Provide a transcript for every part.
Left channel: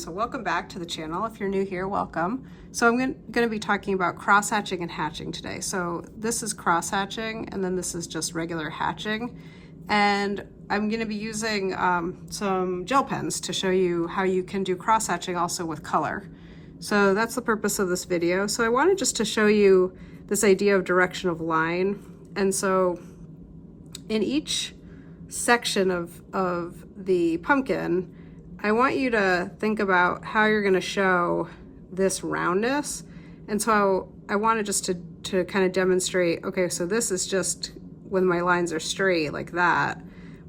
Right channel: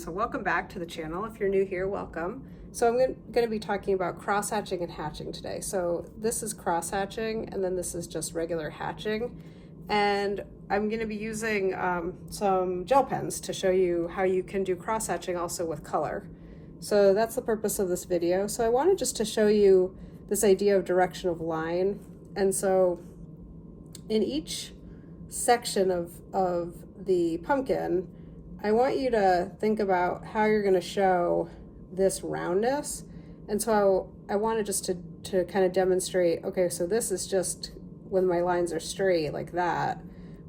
So welcome back to the channel. If you're new here, welcome. So I'm going to be talking about cross-hatching and hatching today. So this is cross-hatching, and then this is just regular hatching. And I'm going to be using some gel pens to show you how you can do cross-hatching also with color. So that's the purpose of this video. So I wanted just to show you this idea of direction of line. And so in each section of the pumpkin, I want you to think about how you're going to show this roundness. And so I wanted just to kind of demonstrate, okay, so this is just when my lines are straight like that.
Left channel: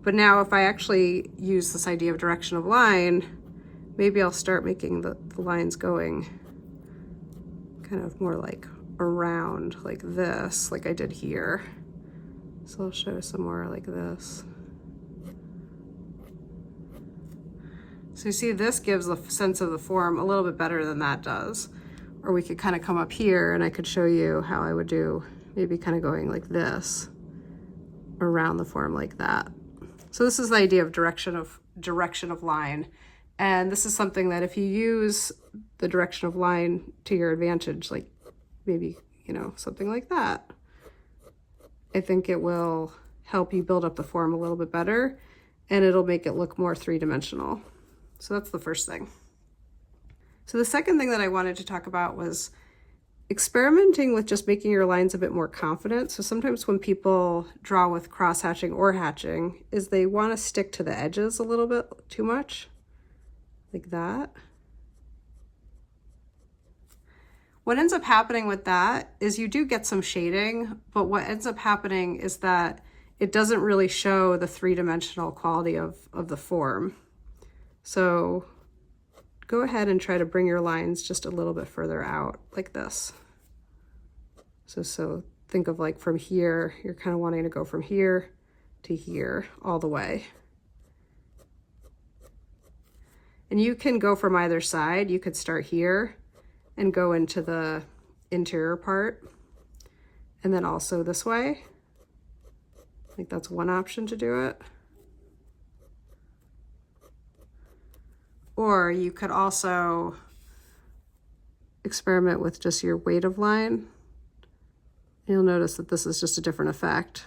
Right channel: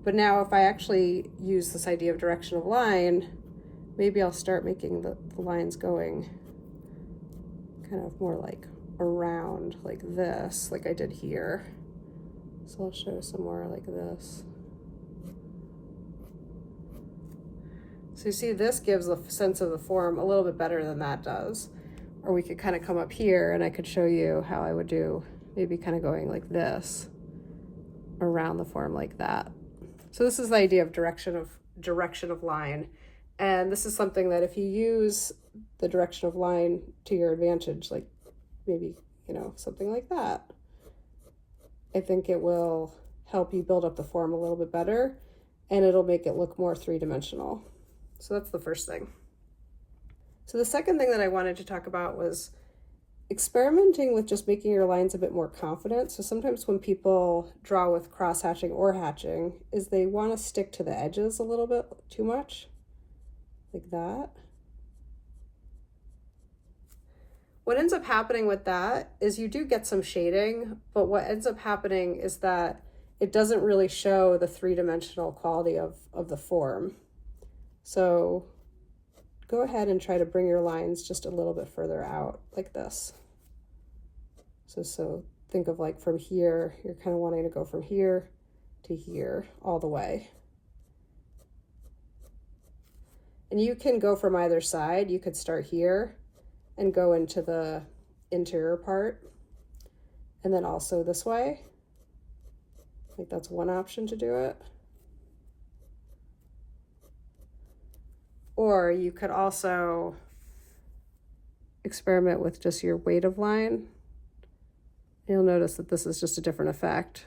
But now if I actually use this idea of direction of line, maybe I'll start making the lines going kind of more like around like this, like I did here. So I'll show some more like this. So you see, this gives a sense of the form a little bit better than that does. Or we could kind of come up here and I could show you how I would do maybe kind of going like this around the form like that. So this is the idea of direction of line. And this is something that if you use the direction of line to your advantage, like maybe, you know, something like that, I think it will help you build up the form a little bit better, and it'll make it look more three-dimensional. So that's the first thing. So the second thing that I wanted to talk about was experimenting with just making your lines a bit more confident. So sometimes when people draw with cross-hatching or hatching, is they want to stick to the edges a little bit too much, like that. What ends up happening with that is you do get some shading, but what ends up happening is that it doesn't really show the three-dimensional quality of the form. So go ahead and try to bring your lines just a little bit further out like this. So think of like from here, you're kind of wanting to go from here to here all the way. And you can go from either side. You could start here and go into the interior part, and then also this way. I think that's one option to do it. Or you could also experiment with just your weight of line. You'll notice that this is just a different effect.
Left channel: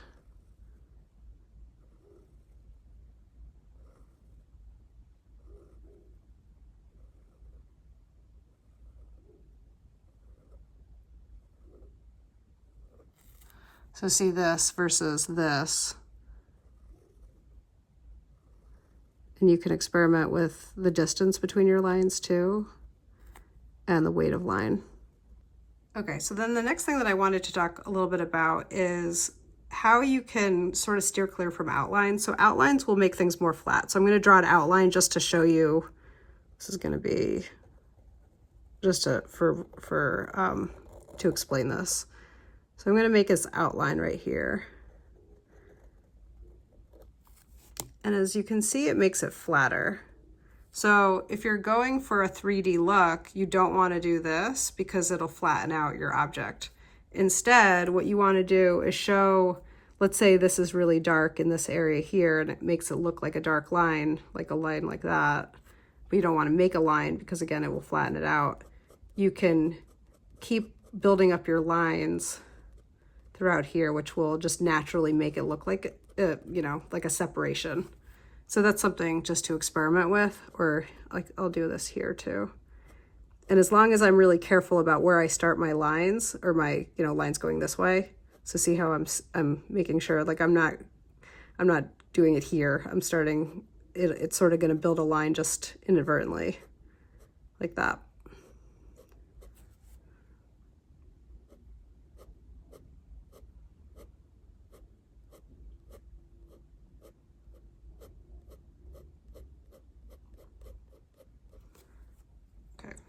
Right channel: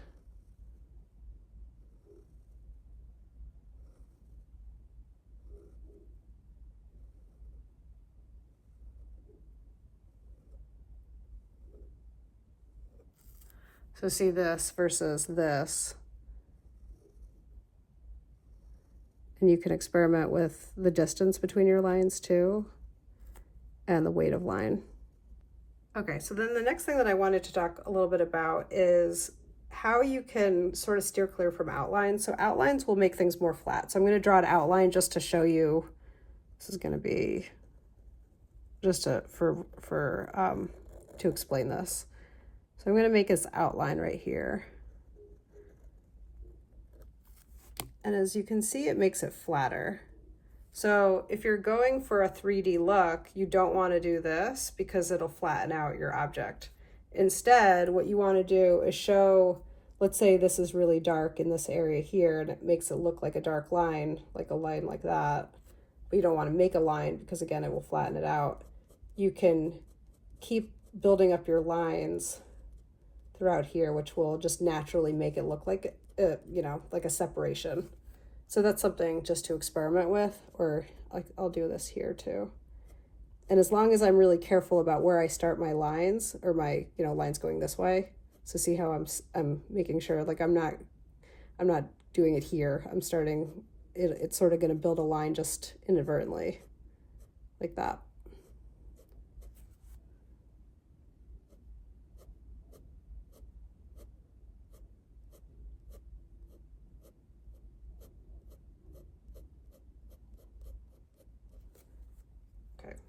So see this versus this. And you can experiment with the distance between your lines too, and the weight of line. Okay, so then the next thing that I wanted to talk a little bit about is how you can sort of steer clear from outlines. So outlines will make things more flat. So I'm going to draw an outline just to show you. This is going to be just to explain this. So I'm going to make this outline right here. And as you can see, it makes it flatter. So if you're going for a 3D look, you don't want to do this because it'll flatten out your object. Instead, what you want to do is show, let's say this is really dark in this area here, and it makes it look like a dark line, like a line like that. But you don't want to make a line because, again, it will flatten it out. You can keep building up your lines throughout here, which will just naturally make it look like, you know, like a separation. So that's something just to experiment with, or like I'll do this here too. And as long as I'm really careful about where I start my lines, or my, you know, lines going this way. So see how I'm making sure, like I'm not doing it here. I'm starting it's sort of going to build a line just inadvertently like that.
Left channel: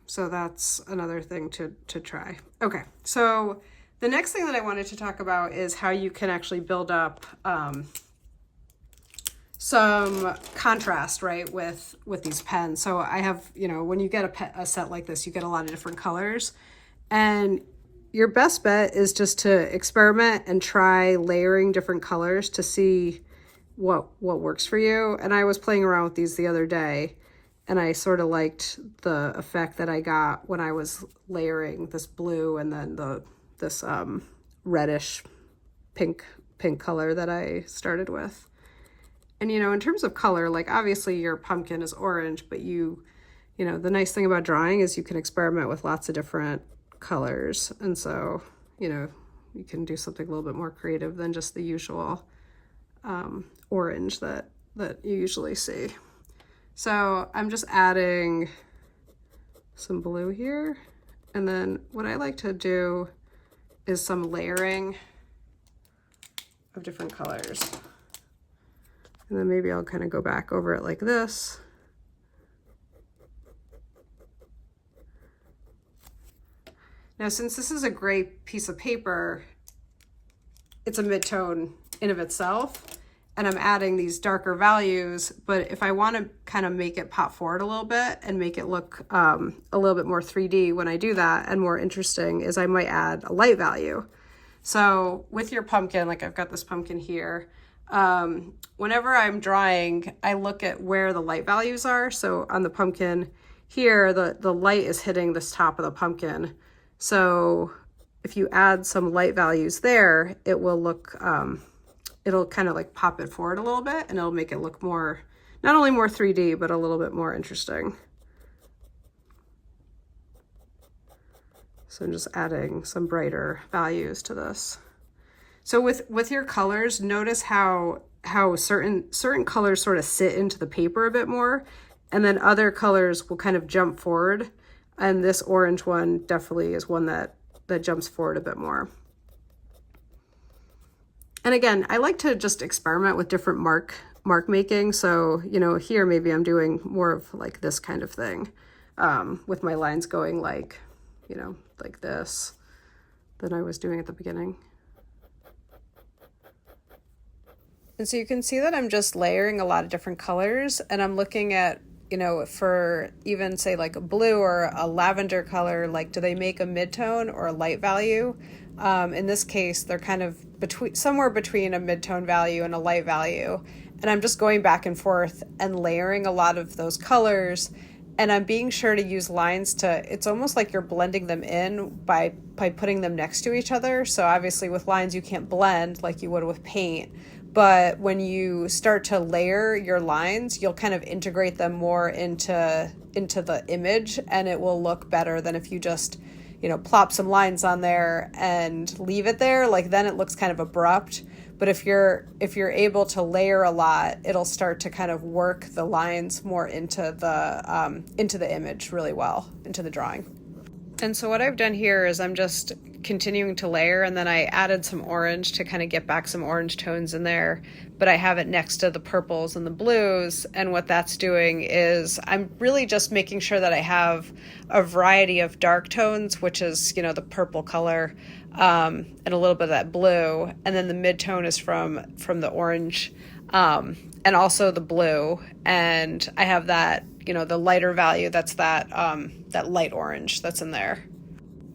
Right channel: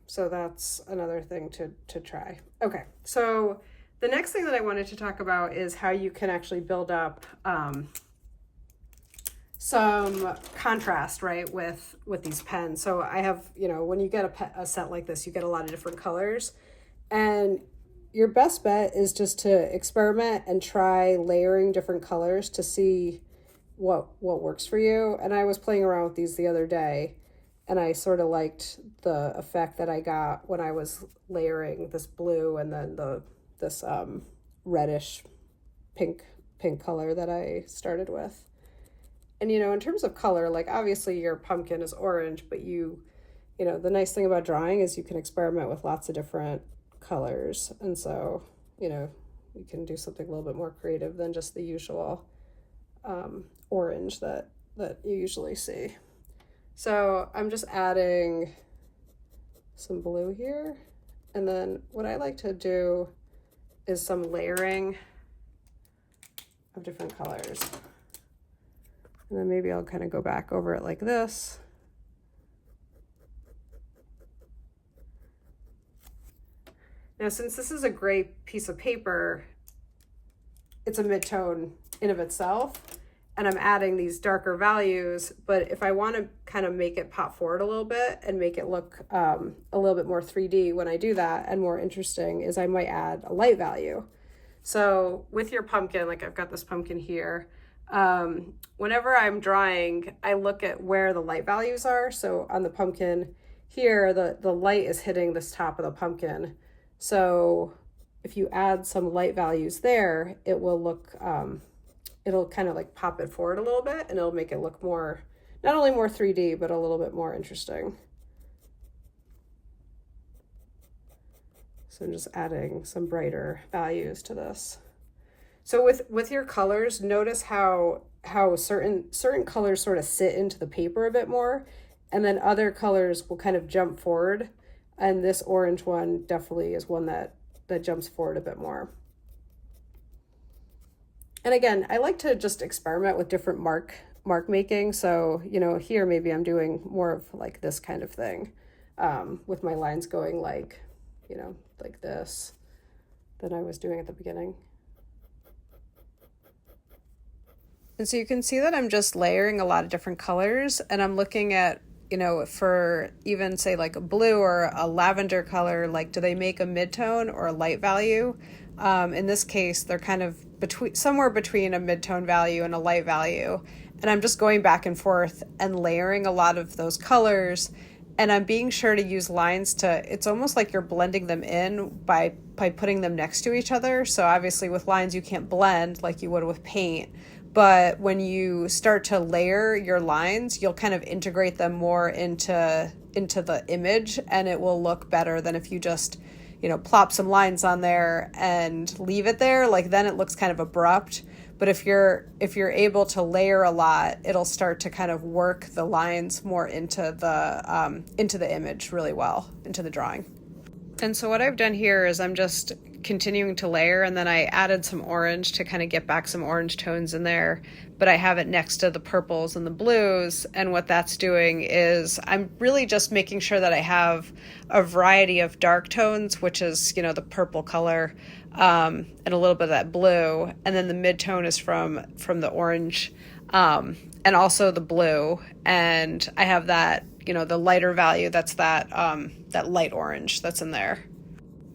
So that's another thing to try. Okay, so the next thing that I wanted to talk about is how you can actually build up some contrast, right, with these pens. So I have, you know, when you get a set like this, you get a lot of different colors, and your best bet is just to experiment and try layering different colors to see what works for you. And I was playing around with these the other day, And I sort of liked the effect that I got when I was layering this blue and then this reddish pink color that I started with. And, you know, in terms of color, like obviously your pumpkin is orange, but you know, the nice thing about drawing is you can experiment with lots of different colors. And so, you know, you can do something a little bit more creative than just the usual orange that you usually see. So I'm just adding some blue here. And then what I like to do is some layering of different colors. And then maybe I'll kind of go back over it like this. Now, since this is a gray piece of paper, it's a mid-tone in of itself, and I'm adding these darker values, but if I want to kind of make it pop forward a little bit and make it look a little bit more 3D when I do that and more interesting, is I might add a light value. So with your pumpkin, like I've got this pumpkin here, whenever I'm drawing, I look at where the light values are. So on the pumpkin here, the light is hitting this top of the pumpkin. So if you add some light values there, it will look, it'll kind of like pop it forward a little bit, and it'll make it look more, not only more 3D, but a little bit more interesting. So I'm just adding some brighter values to this. So with your colors, notice how certain colors sort of sit into the paper a bit more, and then other colors will kind of jump forward. And this orange one definitely is one that jumps forward a bit more. And again, I like to just experiment with different mark making. So, you know, here maybe I'm doing more of like this kind of thing, with my lines going like, you know, like this than I was doing at the beginning. And so you can see that I'm just layering a lot of different colors, and I'm looking at, you know, for even say like a blue or a lavender color, like do they make a mid-tone or a light value? In this case, they're kind of somewhere between a mid-tone value and a light value. And I'm just going back and forth and layering a lot of those colors. And I'm being sure to use lines it's almost like you're blending them in by putting them next to each other. So obviously with lines, you can't blend like you would with paint. But when you start to layer your lines, you'll kind of integrate them more into the image, and it will look better than if you just, you know, plop some lines on there and leave it there. Like then it looks kind of abrupt. But if you're able to layer a lot, it'll start to kind of work the lines more into the image really well, into the drawing. And so what I've done here is I'm just continuing to layer, and then I added some orange to kind of get back some orange tones in there, but I have it next to the purples and the blues. And what that's doing is I'm really just making sure that I have a variety of dark tones, which is, you know, the purple color, and a little bit of that blue, and then the mid-tone is from the orange, and also the blue, and I have that, you know, the lighter value, that's that light orange that's in there.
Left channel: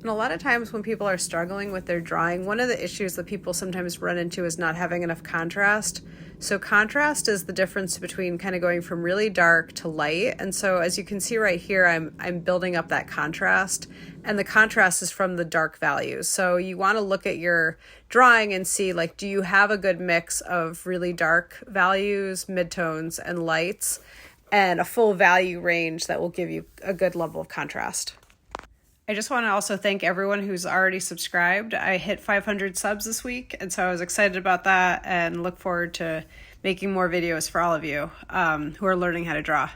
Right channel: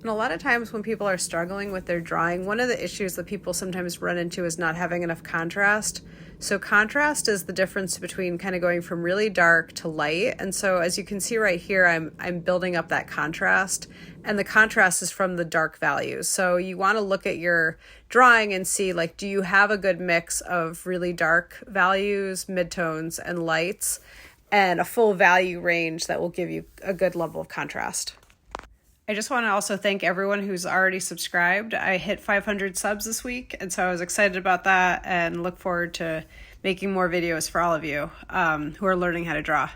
And a lot of times when people are struggling with their drawing, one of the issues that people sometimes run into is not having enough contrast. So contrast is the difference between kind of going from really dark to light. And so as you can see right here, I'm building up that contrast, and the contrast is from the dark values. So you want to look at your drawing and see, like, do you have a good mix of really dark values, midtones, and lights, and a full value range that will give you a good level of contrast. I just want to also thank everyone who's already subscribed. I hit 500 subs this week, and so I was excited about that and look forward to making more videos for all of you who are learning how to draw.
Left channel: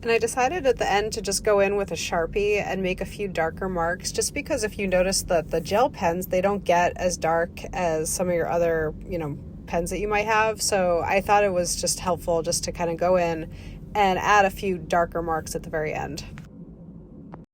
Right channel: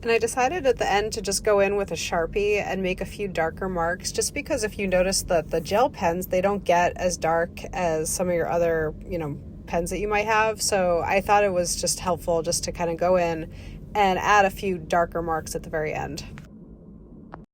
And I decided at the end to just go in with a Sharpie and make a few darker marks, just because if you notice that the gel pens, they don't get as dark as some of your other, you know, pens that you might have. So I thought it was just helpful just to kind of go in and add a few darker marks at the very end.